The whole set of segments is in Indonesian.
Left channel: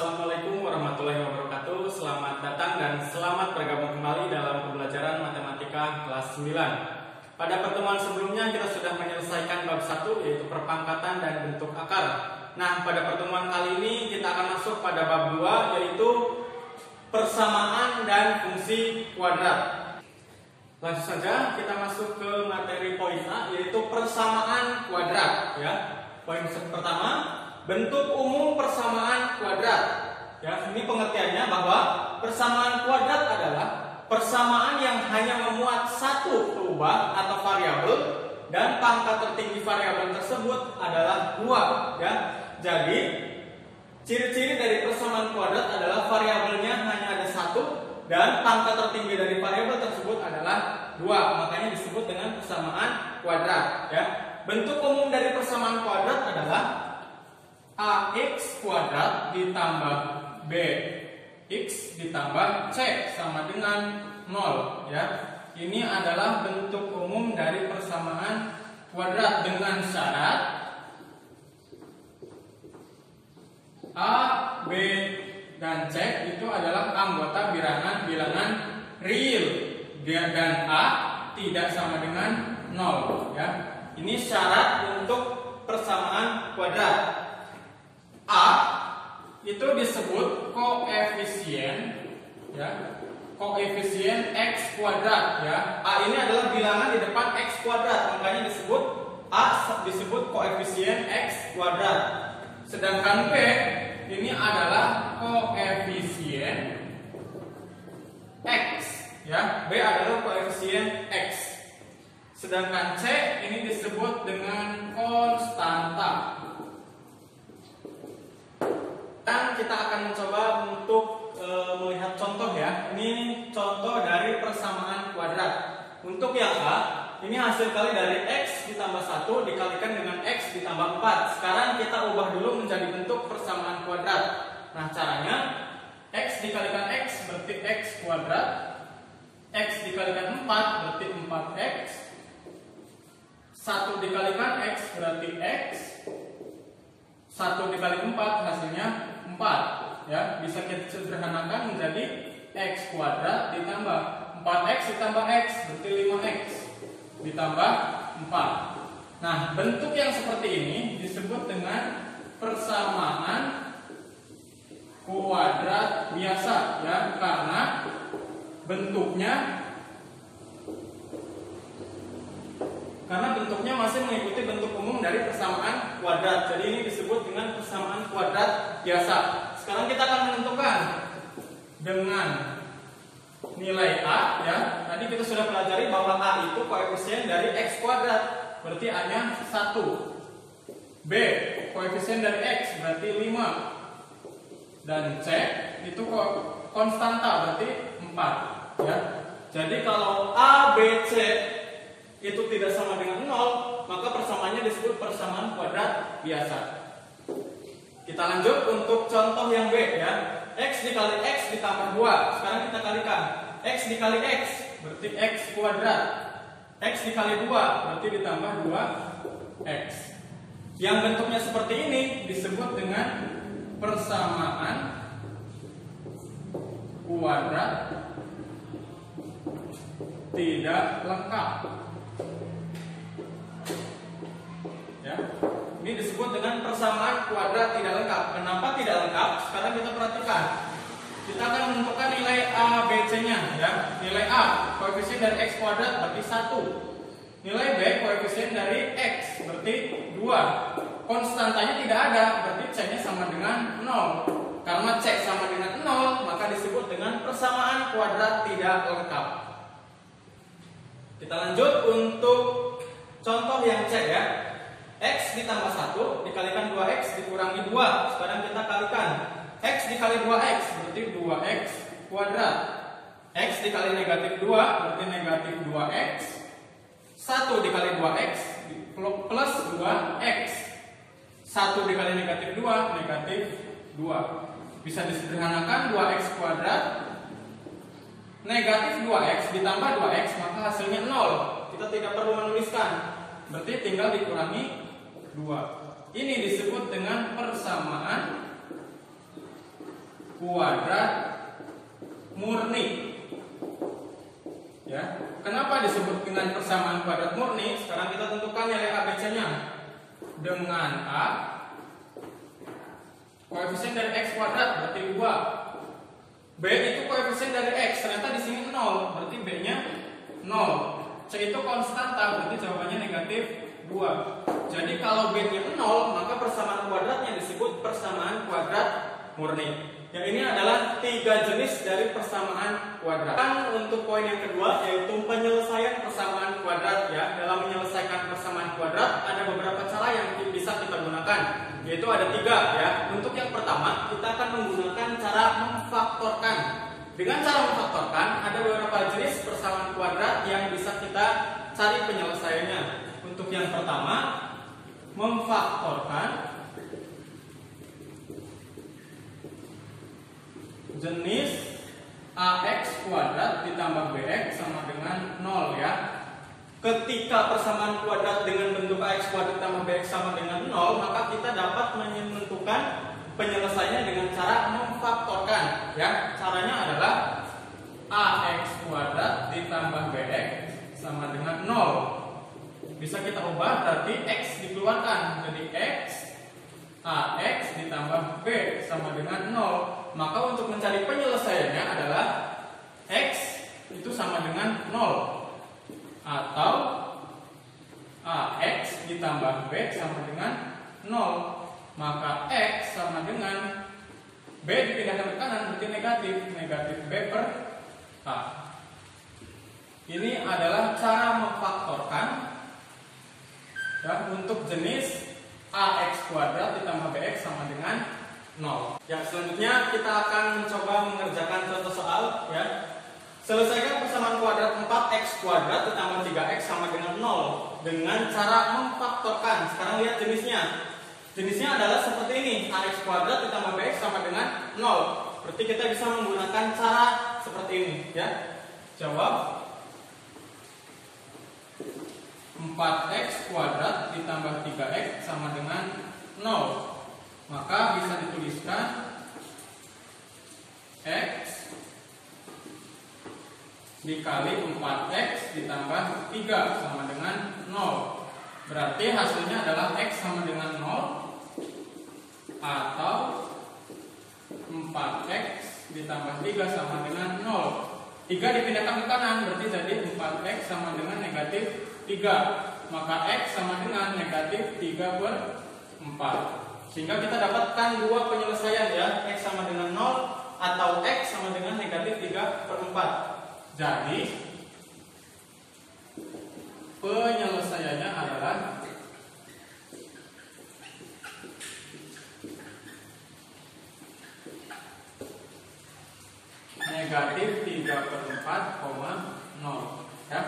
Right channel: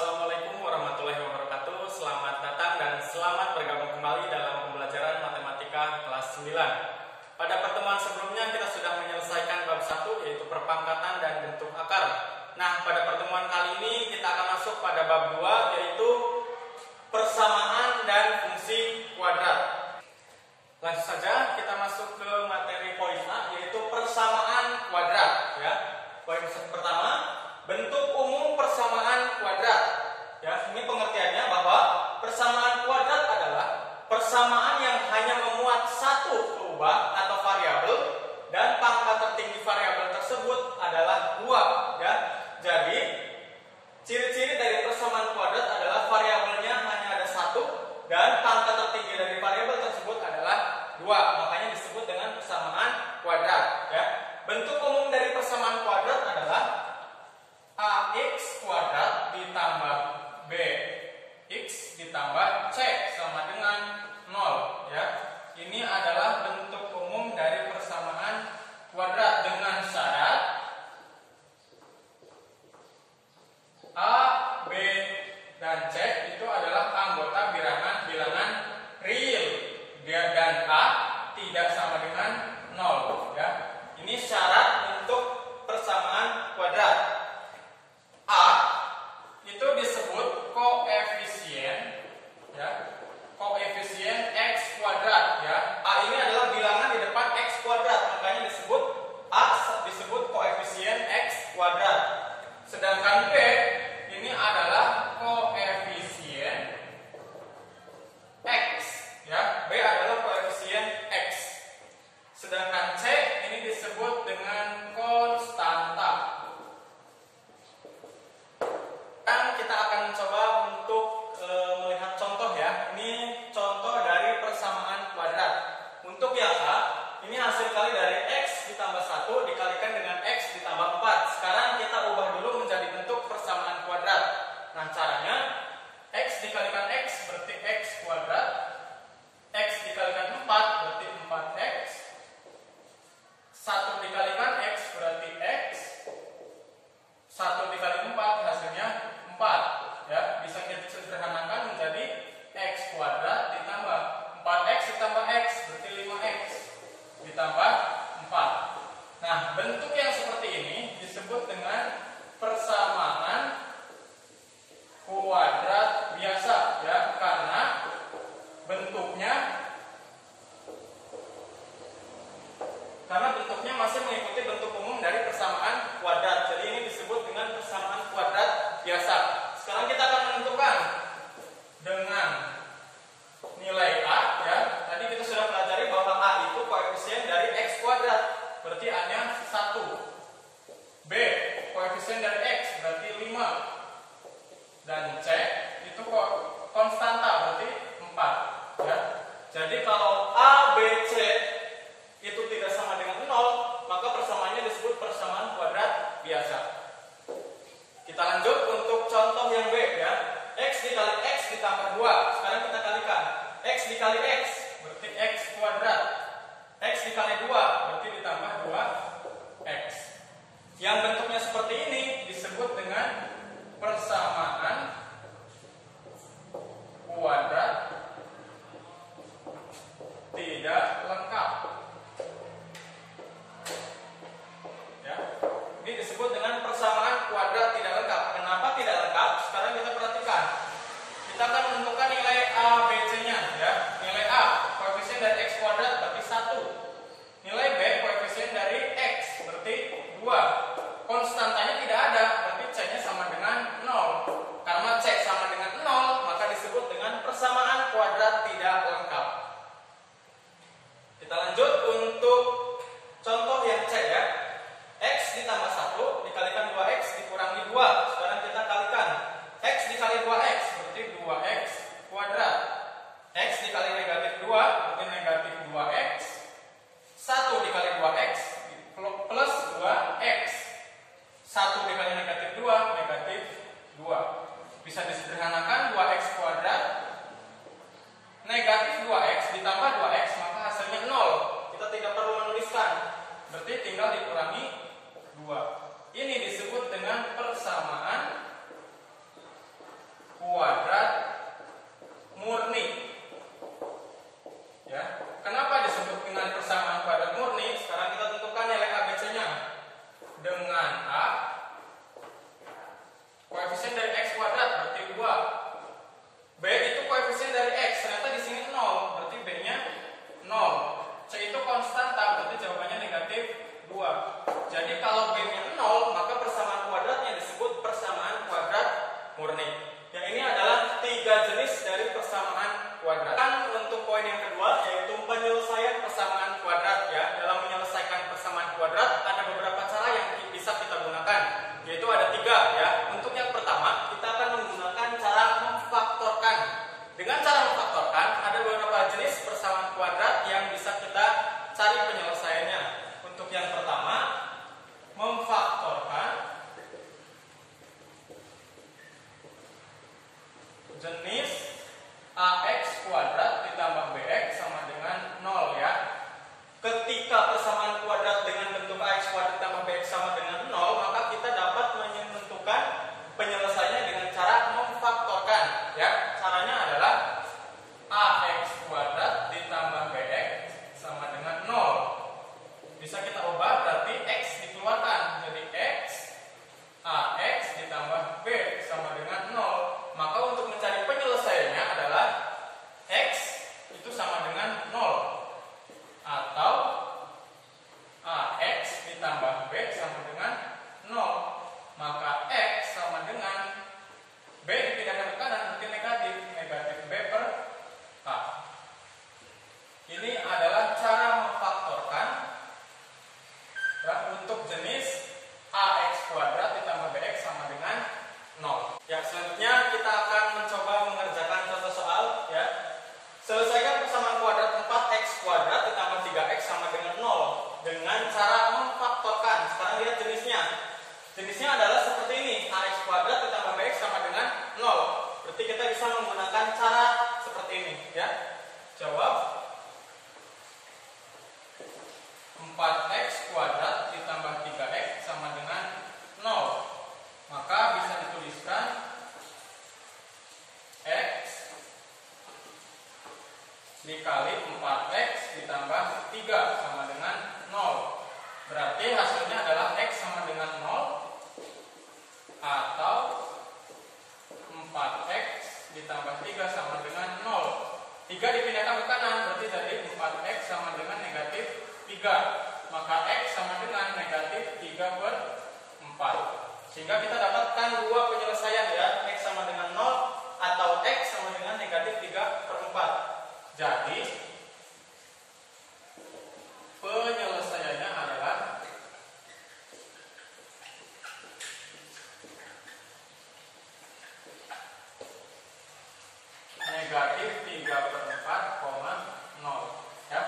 Assalamualaikum warahmatullahi wabarakatuh. Selamat datang dan selamat bergabung kembali dalam pembelajaran matematika kelas 9. Pada pertemuan sebelumnya kita sudah menyelesaikan bab 1 yaitu perpangkatan dan bentuk akar. Nah, pada pertemuan kali ini kita akan masuk pada bab 2 yaitu persamaan dan fungsi kuadrat. Langsung saja kita masuk ke materi poin A yaitu persamaan kuadrat ya. Poin pertama, bentuk umum persamaan kuadrat. Ya, ini pengertiannya bahwa persamaan kuadrat adalah persamaan yang hanya memuat satu perubahan atau variabel dan pangkat tertinggi variabel tersebut adalah 2, ya. Jadi, ciri-ciri dari persamaan kuadrat adalah variabelnya hanya ada satu dan pangkat tertinggi dari variabel tersebut adalah 2. Makanya disebut dengan persamaan kuadrat, ya. Bentuk umum dari persamaan kuadrat adalah AX kuadrat ditambah BX ditambah C sama dengan 0 ya. Ini adalah bentuk umum dari persamaan kuadrat dengan syarat A, B, dan C itu adalah anggota bilangan real dan A tidak sama dengan 0 ya. Ini syarat untuk persamaan kuadrat. A itu disebut koefisien ya, koefisien X kuadrat ya. A ini adalah bilangan di depan X kuadrat, makanya disebut A disebut koefisien X kuadrat. Sedangkan B ini adalah koefisien X ya. B adalah koefisien X. Sedangkan C ini disebut dengan konstanta. Dan kita akan mencoba untuk melihat contoh ya. Ini contoh dari persamaan kuadrat. Untuk yang A, ini hasil kali dari X ditambah 1 dikalikan dengan X ditambah 4. Sekarang kita ubah dulu menjadi bentuk persamaan kuadrat. Nah, caranya X dikalikan X berarti X kuadrat. X dikalikan 4 berarti 4X. 1 dikalikan X berarti X. 1 dikali 4 hasilnya 4 ya, bisa kita sederhanakan menjadi X kuadrat ditambah 4X ditambah X berarti 5X ditambah 4. Nah, bentuk yang seperti ini disebut dengan persamaan kuadrat biasa ya, karena bentuknya masih mengikuti bentuk umum dari persamaan kuadrat. Jadi ini disebut dengan persamaan kuadrat biasa. Sekarang kita akan menentukan dengan nilai A ya. Tadi kita sudah pelajari bahwa A itu koefisien dari X kuadrat, berarti A-nya 1. B koefisien dari X berarti 5. Dan C itu konstanta berarti 4 ya. Jadi kalau A, B, C itu tidak sama dengan 0, maka persamaannya disebut persamaan kuadrat biasa. Kita lanjut untuk contoh yang B ya. X dikali X ditambah 2. Sekarang kita kalikan. X dikali X berarti X kuadrat. X dikali 2 berarti ditambah 2X. Yang bentuknya seperti ini disebut dengan persamaan kuadrat tidak lengkap. Ya. Ini disebut dengan persamaan kuadrat tidak lengkap. Kenapa tidak lengkap? Sekarang kita perhatikan. Kita akan menentukan nilai A, B, C-nya ya. Nilai A koefisien dari X kuadrat berarti 1. Nilai B koefisien dari X berarti 2. Konstantanya tidak ada, berarti C-nya sama dengan 0. Karena C sama dengan 0, maka disebut dengan persamaan kuadrat tidak lengkap. Kita lanjut untuk contoh yang C ya. X ditambah 1 dikalikan 2X dikurangi 2. Sekarang kita kalikan. X dikali 2X berarti 2X kuadrat. X dikali negatif 2 berarti negatif 2X. 1 dikali 2X plus 2X. 1 dikali negatif 2 negatif 2. Bisa disederhanakan 2X kuadrat negatif 2X ditambah 2X maka hasilnya 0. Kita tidak perlu menuliskan. Berarti tinggal dikurangi 2. Ini disebut dengan persamaan kuadrat murni. Ya, kenapa disebut dengan persamaan kuadrat murni? Sekarang kita tentukan nilai ABC-nya dengan A. Koefisien dari X kuadrat berarti 2. B itu koefisien dari X, ternyata di sini 0, berarti B-nya 0. C itu konstanta, berarti jawabannya negatif 2. Jadi kalau B-nya 0, maka persamaan kuadratnya disebut persamaan kuadrat murni. Yang ini adalah 3 jenis dari persamaan kuadrat. Untuk poin yang kedua, yaitu penyelesaian persamaan kuadrat. Ya, dalam menyelesaikan persamaan kuadrat ada beberapa cara yang bisa kita gunakan, yaitu ada 3. Ya, untuk yang pertama kita akan menggunakan cara memfaktorkan. Dengan cara memfaktorkan ada beberapa jenis persamaan kuadrat yang bisa kita cari penyelesaiannya. Untuk yang pertama, memfaktorkan jenis AX kuadrat ditambah BX sama dengan 0 ya. Ketika persamaan kuadrat dengan bentuk AX kuadrat ditambah BX sama dengan 0, maka kita dapat menentukan penyelesaiannya dengan cara memfaktorkan ya. Caranya adalah AX kuadrat ditambah BX sama dengan 0. Bisa kita ubah, berarti X dikeluarkan jadi X AX ditambah B sama dengan 0. Maka untuk mencari penyelesaiannya adalah X itu sama dengan 0 atau AX ditambah B sama dengan 0. Maka X sama dengan B dipindahkan ke kanan berarti negatif, negatif B per A. Ini adalah cara memfaktorkan ya, untuk jenis AX kuadrat ditambah BX sama dengan 0. Ya, selanjutnya kita akan mencoba mengerjakan contoh soal ya. Selesaikan persamaan kuadrat 4x kuadrat ditambah 3x sama dengan 0 dengan cara memfaktorkan. Sekarang lihat jenisnya. Jenisnya adalah seperti ini, ax kuadrat ditambah bx sama dengan 0. Berarti kita bisa menggunakan cara seperti ini ya. Jawab 4x kuadrat ditambah 3x sama dengan 0. Maka bisa dituliskan X dikali 4x ditambah 3 sama dengan 0. Berarti hasilnya adalah X sama dengan 0 atau 4x ditambah 3 sama dengan 0. 3 dipindahkan ke kanan berarti jadi 4x sama dengan negatif 3. Maka X sama dengan negatif 3 per 4. Sehingga kita dapatkan dua penyelesaian ya, X sama dengan 0 atau X sama dengan negatif 3 per 4. Jadi penyelesaiannya adalah negatif 3 per 4, 0 ya.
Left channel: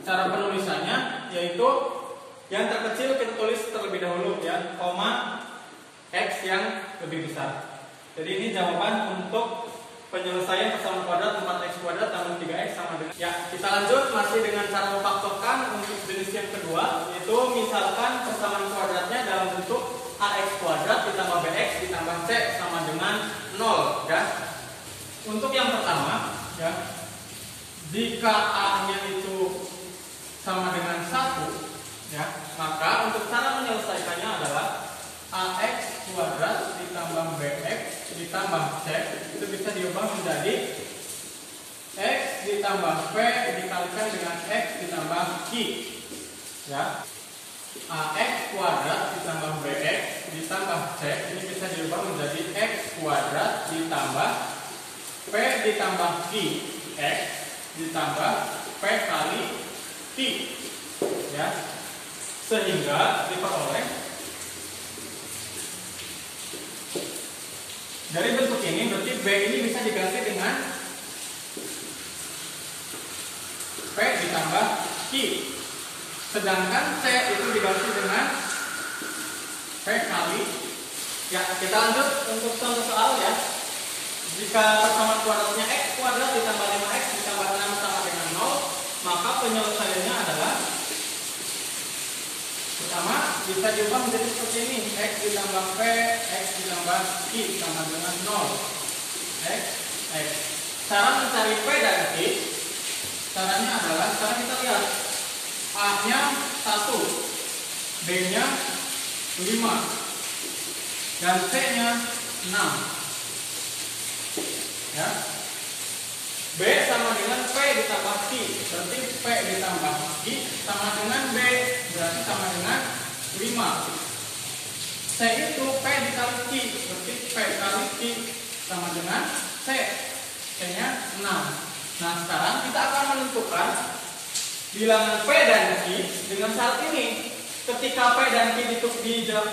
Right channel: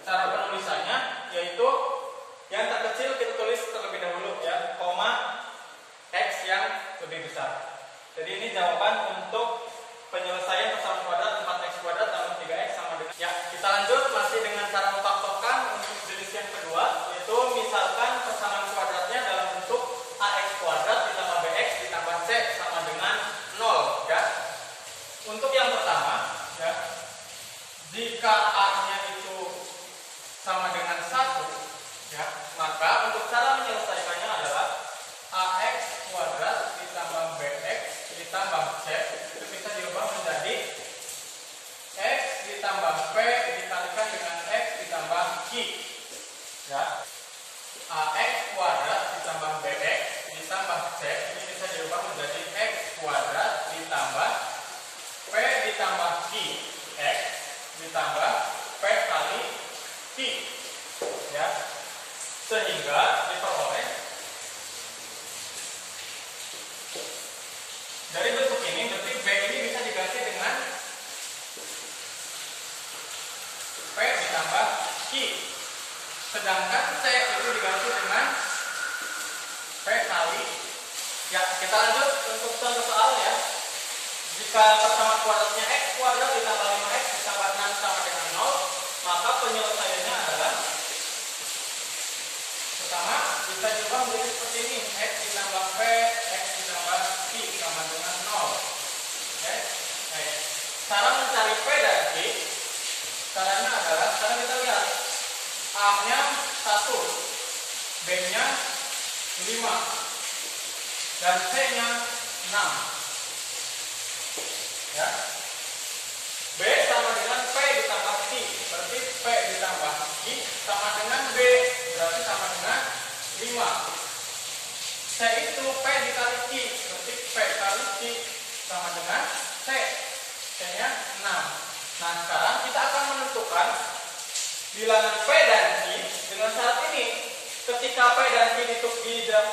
Cara penulisannya yaitu yang terkecil kita tulis terlebih dahulu ya, koma X yang lebih besar. Jadi ini jawaban untuk penyelesaian persamaan kuadrat 4x kuadrat tambah 3x sama dengan. Ya, kita lanjut masih dengan cara memfaktorkan untuk jenis yang kedua, yaitu misalkan persamaan kuadratnya dalam bentuk ax kuadrat ditambah bx ditambah c sama dengan 0 ya. Untuk yang pertama ya, jika a-nya itu sama dengan 1 ya, maka untuk cara menyelesaikannya adalah ax kuadrat ditambah bx ditambah c itu bisa diubah menjadi x ditambah p dikalikan dengan x ditambah q ya. Ax kuadrat ditambah bx ditambah c ini bisa diubah menjadi x kuadrat ditambah p ditambah q x ditambah p kali q ya, sehingga diperoleh dari bentuk ini. Berarti B ini bisa diganti dengan P ditambah Q. Sedangkan C itu diganti dengan P kali. Ya, kita lanjut untuk contoh soal ya. Jika persamaan kuadratnya X kuadrat ditambah 5x ditambah 6 sama dengan 0, maka penyelesaiannya adalah pertama bisa diubah menjadi seperti ini, X ditambah P, X ditambah Q sama dengan 0. X cara mencari P dan Q, caranya adalah sekarang kita lihat A-nya 1, B-nya 5, dan C-nya 6. Ya. B sama dengan P ditambah Q, berarti P ditambah Q sama dengan B, berarti sama dengan 5. C itu P dikali Q, berarti P kali Q sama dengan C. C-nya 6. Nah, sekarang kita akan menentukan bilangan P dan Q dengan syarat ini. Ketika P dan Q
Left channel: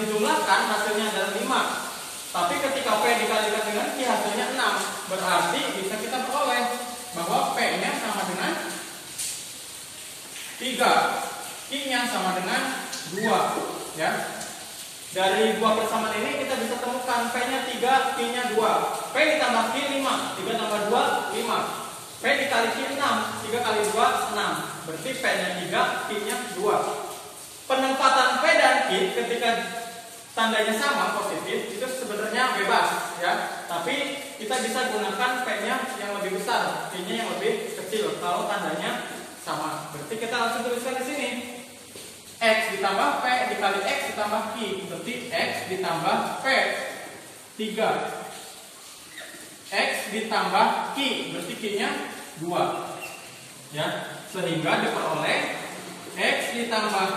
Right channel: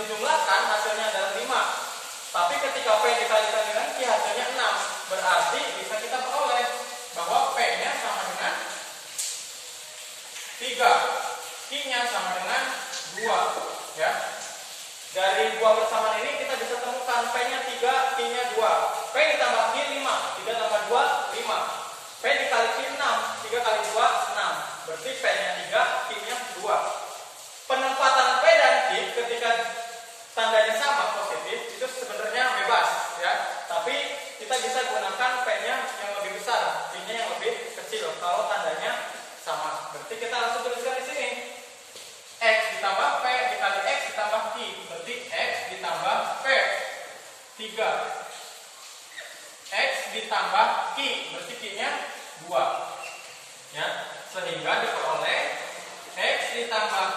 dijumlahkan hasilnya adalah 5. Tapi ketika P dikalikan dengan Q hasilnya 6. Berarti bisa kita peroleh bahwa P-nya sama dengan 3, Q-nya sama dengan 2, ya. Dari dua persamaan ini kita bisa temukan P-nya 3, Q-nya 2. P ditambah Q 5, 3 tambah 2 5. P dikali Q 6, 3 kali 2 6. Berarti P-nya 3, Q-nya 2. Penempatan P dan Q ketika tandanya sama positif itu sebenarnya bebas, ya. Tapi kita bisa gunakan P-nya yang lebih besar, Q-nya yang lebih kecil kalau tandanya sama. Berarti kita langsung tuliskan di sini. X ditambah P dikali X ditambah Q, berarti X ditambah P 3. X ditambah Q, berarti Q-nya 2. Ya, sehingga diperoleh X ditambah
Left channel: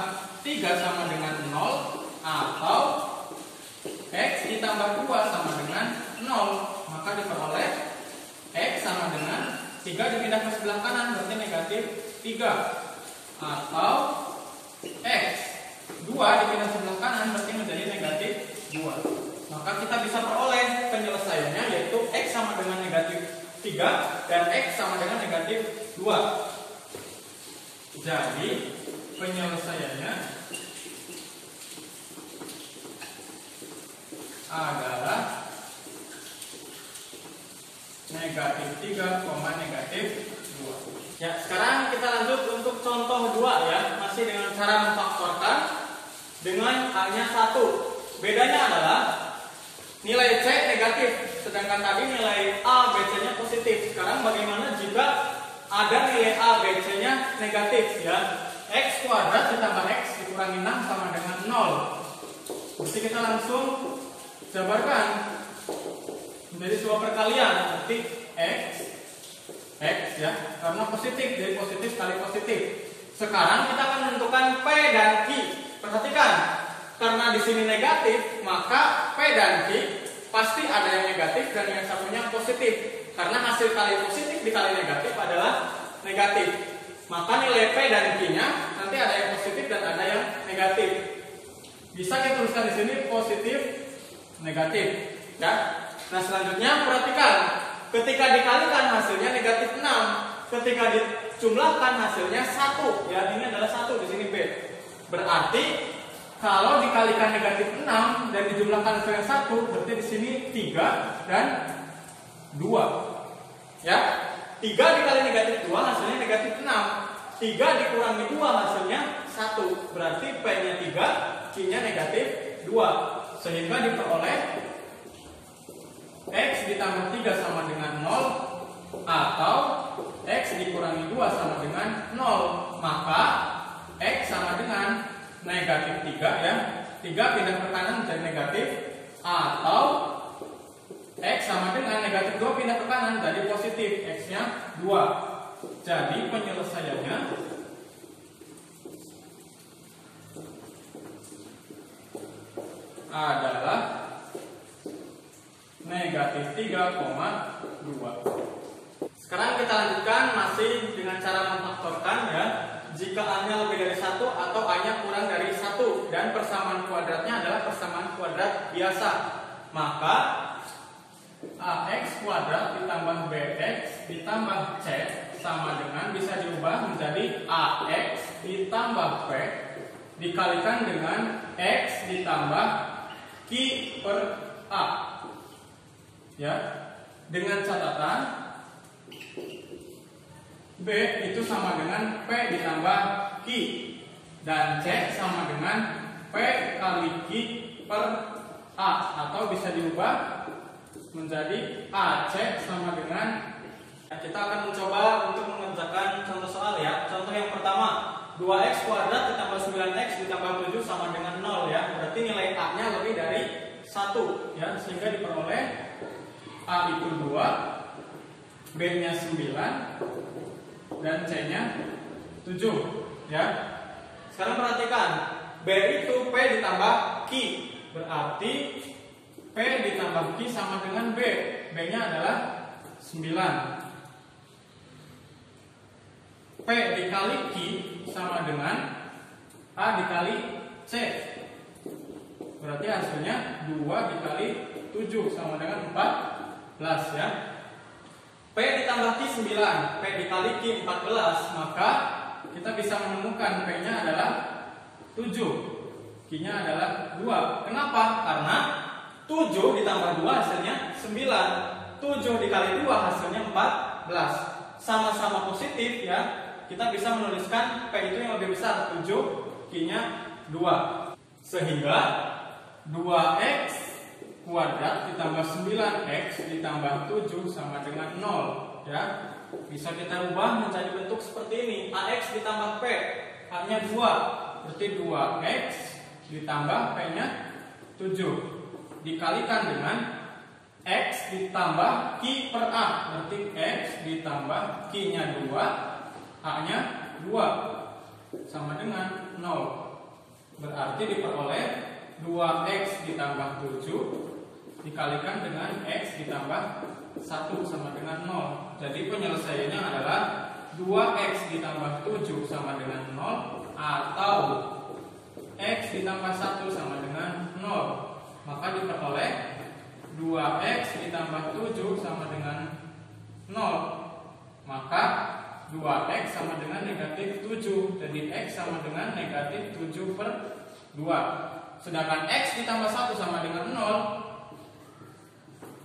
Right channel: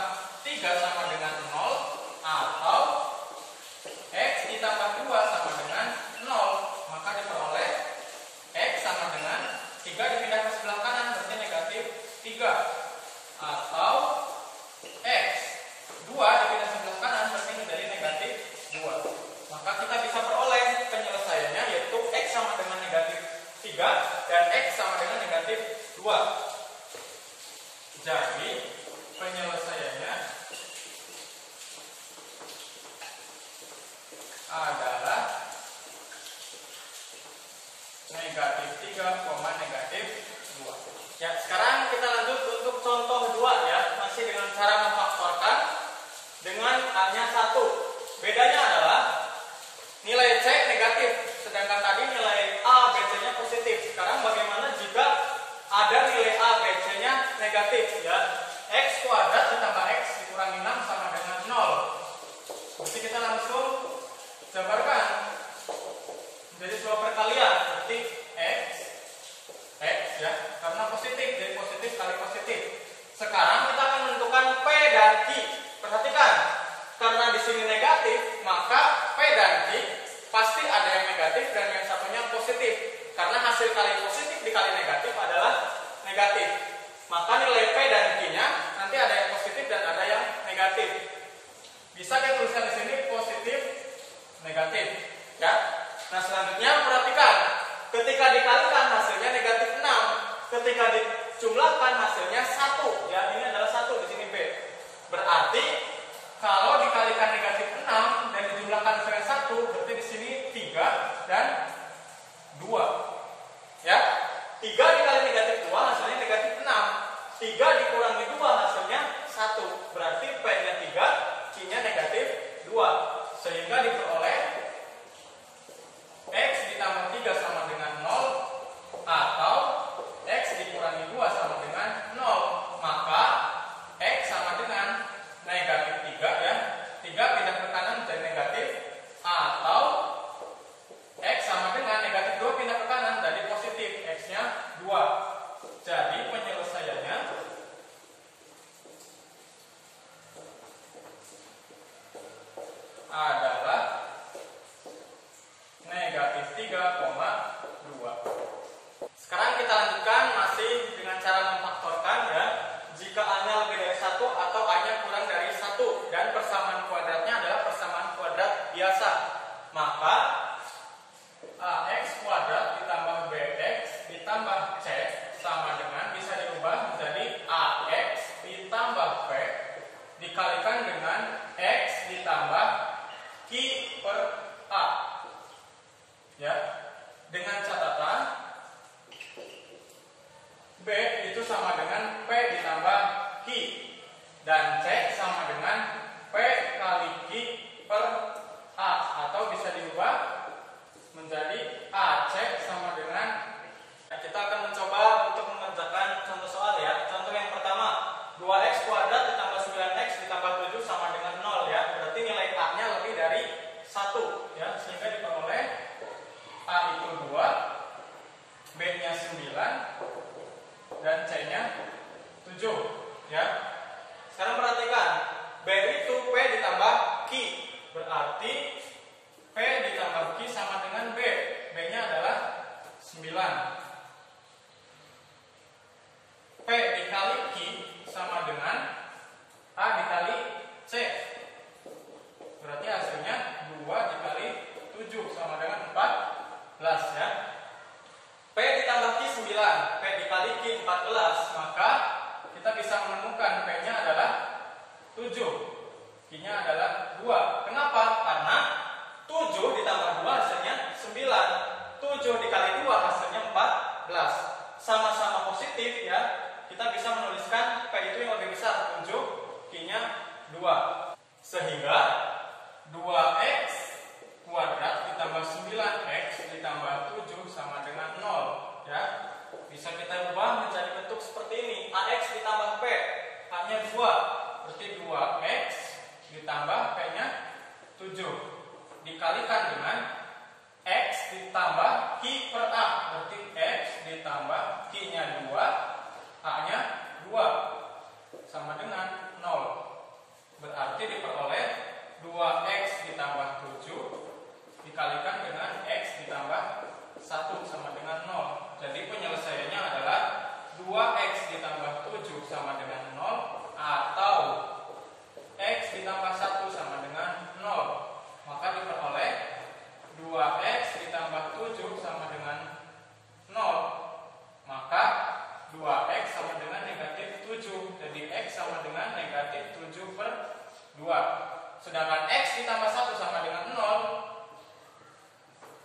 3 sama dengan 0 atau X ditambah 2 sama dengan 0. Maka diperoleh X sama dengan 3 dipindah ke sebelah kanan, berarti negatif 3. Atau X 2 dipindah sebelah kanan, berarti menjadi negatif 2. Maka kita bisa peroleh penyelesaiannya, yaitu X sama dengan negatif 3 dan X sama dengan negatif 2. Jadi penyelesaiannya adalah negatif 3, negatif 2. Ya, sekarang kita lanjut untuk contoh 2, ya. Masih dengan cara memfaktorkan dengan hanya 1. Bedanya adalah nilai C negatif, sedangkan tadi nilai A, B, C-nya positif. Sekarang bagaimana jika ada nilai A, B, C-nya negatif, ya? X kuadrat ditambah X dikurangi 6 sama dengan 0. Berarti kita langsung jabarkan menjadi sebuah perkalian, berarti X, ya, karena positif, jadi positif kali positif. Sekarang kita akan menentukan P dan Q. Perhatikan, karena di sini negatif, maka P dan Q pasti ada yang negatif dan yang satunya positif. Karena hasil kali positif dikali negatif adalah negatif. Maka nilai P dan Q-nya nanti ada yang positif dan ada yang negatif. Bisa kita tuliskan di sini positif, negatif, ya. Nah, selanjutnya perhatikan. Ketika dikalikan hasilnya negatif 6. Ketika dijumlahkan hasilnya 1. Ya, ini adalah 1, di sini B. Berarti kalau dikalikan negatif 6 dan dijumlahkan dengan 1, berarti di sini 3 dan 2. Ya. 3 dikali negatif 2 hasilnya negatif 6. 3 dikurangi 2 hasilnya 1. Berarti P-nya 3, Q-nya negatif 2. Sehingga diperoleh X ditambah 3 sama dengan 0 atau X dikurangi 2 sama dengan 0. Maka X sama dengan negatif 3, ya. 3 pindah ke kanan menjadi negatif, atau X sama dengan negatif 2 pindah ke kanan jadi positif, X-nya 2. Jadi penyelesaiannya adalah negatif 3,2. Sekarang kita lanjutkan masih dengan cara memfaktorkan, ya. Jika A-nya lebih dari 1 atau A-nya kurang dari 1 dan persamaan kuadratnya adalah persamaan kuadrat biasa, maka AX kuadrat ditambah BX ditambah C sama dengan bisa diubah menjadi AX ditambah P dikalikan dengan X ditambah Q per A. Ya, dengan catatan B itu sama dengan P ditambah Q dan C sama dengan P kali Q per A, atau bisa diubah menjadi AC sama dengan Kita akan mencoba untuk mengerjakan contoh soal ya. Contoh yang pertama, 2x kuadrat ditambah 9x ditambah 7 sama dengan 0 ya. Berarti nilai A-nya lebih dari 1 ya, sehingga diperoleh A itu 2, B-nya 9 dan C-nya 7 ya. Sekarang perhatikan, B itu P ditambah Q. Berarti P ditambah Q sama dengan B. B-nya adalah 9. P dikali Q sama dengan A dikali C. Berarti hasilnya 2 dikali 7 sama dengan 14 ya. P ditambah Q 9, P dikali Q 14, maka kita bisa menemukan P-nya adalah 7, Q-nya adalah 2. Kenapa? Karena 7 ditambah 2 hasilnya 9. 7 dikali 2 hasilnya 14. Sama-sama positif ya. Kita bisa menuliskan P itu yang lebih besar, 7, Q-nya 2. Sehingga 2x kuadrat ditambah 9x ditambah 7 sama dengan 0 ya. Bisa kita ubah menjadi bentuk seperti ini. AX ditambah P, A-nya 2, berarti 2x ditambah P-nya 7 dikalikan dengan X ditambah Q per A, berarti X ditambah Q-nya 2, A-nya 2 sama dengan 0. Berarti diperoleh 2x ditambah 7 dikalikan dengan x ditambah 1 sama dengan 0. Jadi penyelesaiannya adalah 2x ditambah 7 sama dengan 0 atau x ditambah 1 sama dengan 0. Maka diperoleh 2x ditambah 7 sama dengan 0. Maka 2x sama dengan negatif 7. Jadi x sama dengan negatif 7 per 2. Sedangkan x ditambah 1 sama dengan 0,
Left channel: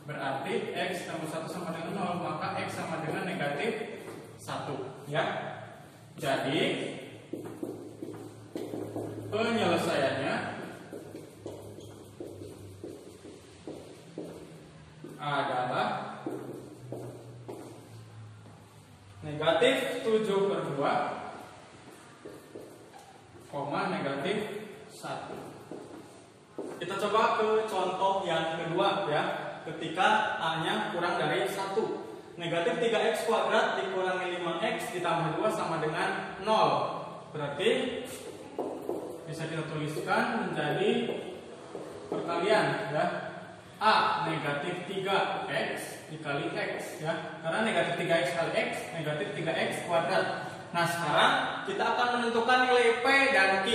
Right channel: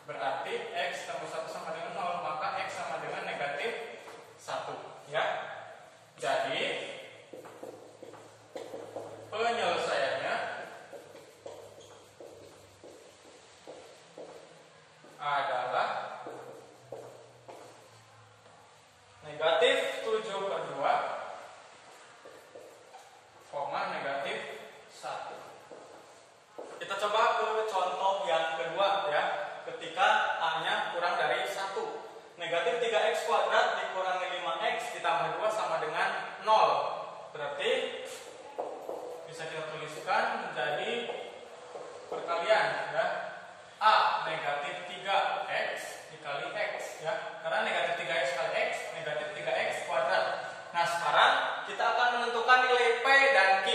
berarti x ditambah 1 sama dengan 0, maka x sama dengan negatif 1 ya. Jadi penyelesaiannya adalah negatif 7 per 2, negatif 1. Kita coba ke contoh yang kedua ya. Ketika A-nya kurang dari 1. Negatif 3x kuadrat dikurangi 5x ditambah 2 sama dengan 0. Berarti bisa kita tuliskan menjadi perkalian ya. A negatif 3x dikali x ya. Karena negatif 3x kali x negatif 3x kuadrat. Nah sekarang kita akan menentukan nilai P dan Q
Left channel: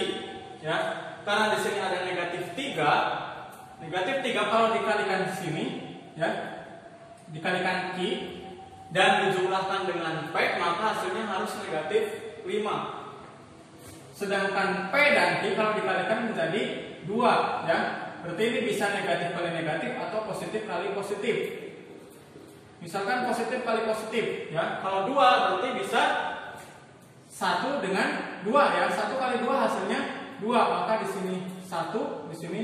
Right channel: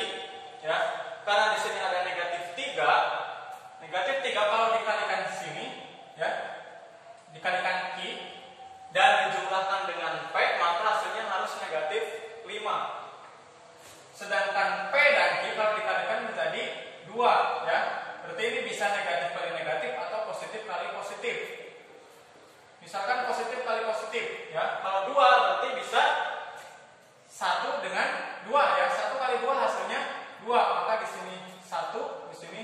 ya. Karena di sini ada negatif 3. Negatif 3 kalau dikalikan di sini ya, dikalikan Q dan dijumlahkan dengan P, maka hasilnya harus negatif 5. Sedangkan P dan Q kalau dikalikan menjadi 2 ya. Berarti ini bisa negatif kali negatif atau positif kali positif. Misalkan positif kali positif ya. Kalau 2 berarti bisa 1 dengan 2 ya. 1 kali 2 hasilnya 2, maka di sini 1, di sini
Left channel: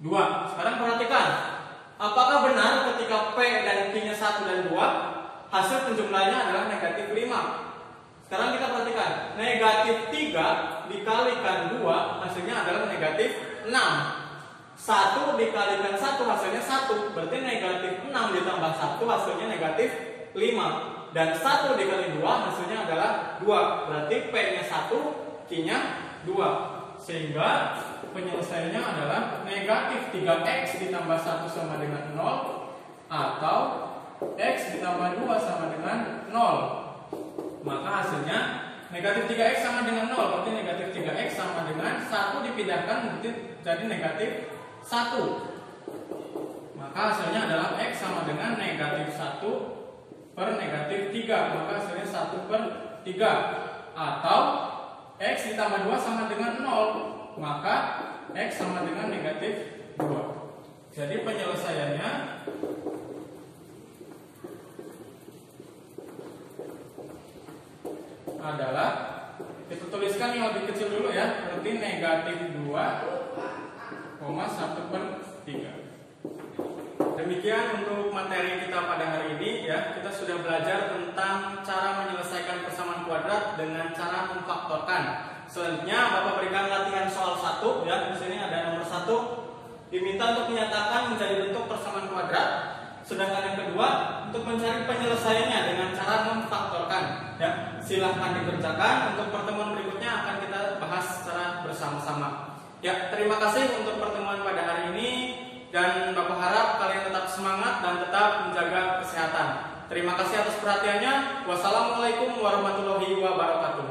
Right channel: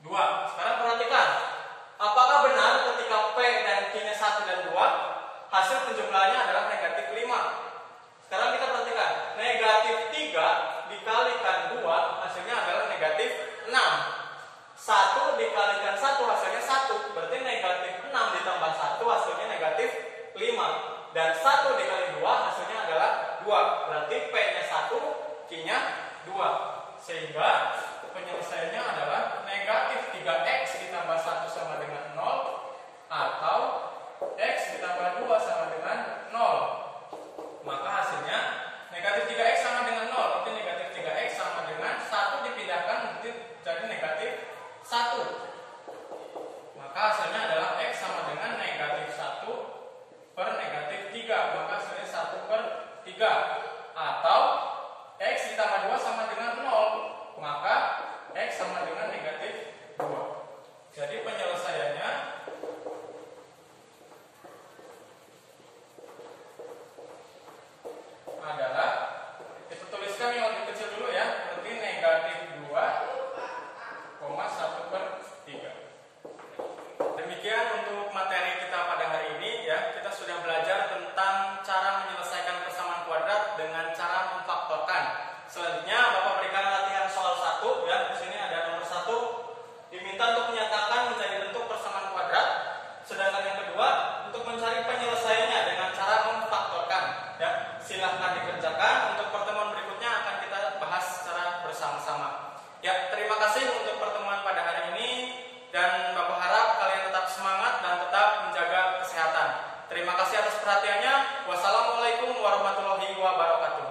2. Sekarang perhatikan, apakah benar ketika P dan Q-nya 1 dan 2, hasil penjumlahannya adalah negatif 5? Sekarang kita perhatikan, negatif 3 dikalikan 2 hasilnya adalah negatif 6. 1 dikalikan 1 hasilnya 1, berarti negatif 6 ditambah 1 hasilnya negatif 5. Dan 1 dikali 2 hasilnya adalah 2, berarti P-nya 1, Q-nya 2. Sehingga penyelesaiannya adalah negatif 3x ditambah 1 sama dengan 0 atau x ditambah 2 sama dengan 0. Maka hasilnya negatif 3x sama dengan 0, berarti negatif 3x sama dengan 1 dipindahkan jadi negatif 1. Maka hasilnya adalah x sama dengan negatif 1 per negatif 3, maka hasilnya 1 per 3. Atau x ditambah 2 sama dengan 0, maka x sama dengan negatif 2. Jadi penyelesaiannya adalah, kita tuliskan yang lebih kecil dulu ya, berarti negatif 2, 1 per 3. Demikian untuk materi kita pada hari ini ya. Kita sudah sudah belajar tentang cara menyelesaikan persamaan kuadrat dengan cara memfaktorkan. Selanjutnya Bapak berikan latihan soal 1 ya. Di sini ada nomor 1 diminta untuk menyatakan menjadi bentuk persamaan kuadrat. Sedangkan yang kedua untuk mencari penyelesaiannya dengan cara memfaktorkan. Ya, silahkan dikerjakan. Untuk pertemuan berikutnya akan kita bahas secara bersama-sama. Ya, terima kasih untuk pertemuan pada hari ini. Dan Bapak harap kalian tetap semangat dan tetap menjaga kesehatan. Terima kasih atas perhatiannya. Wassalamualaikum warahmatullahi wabarakatuh.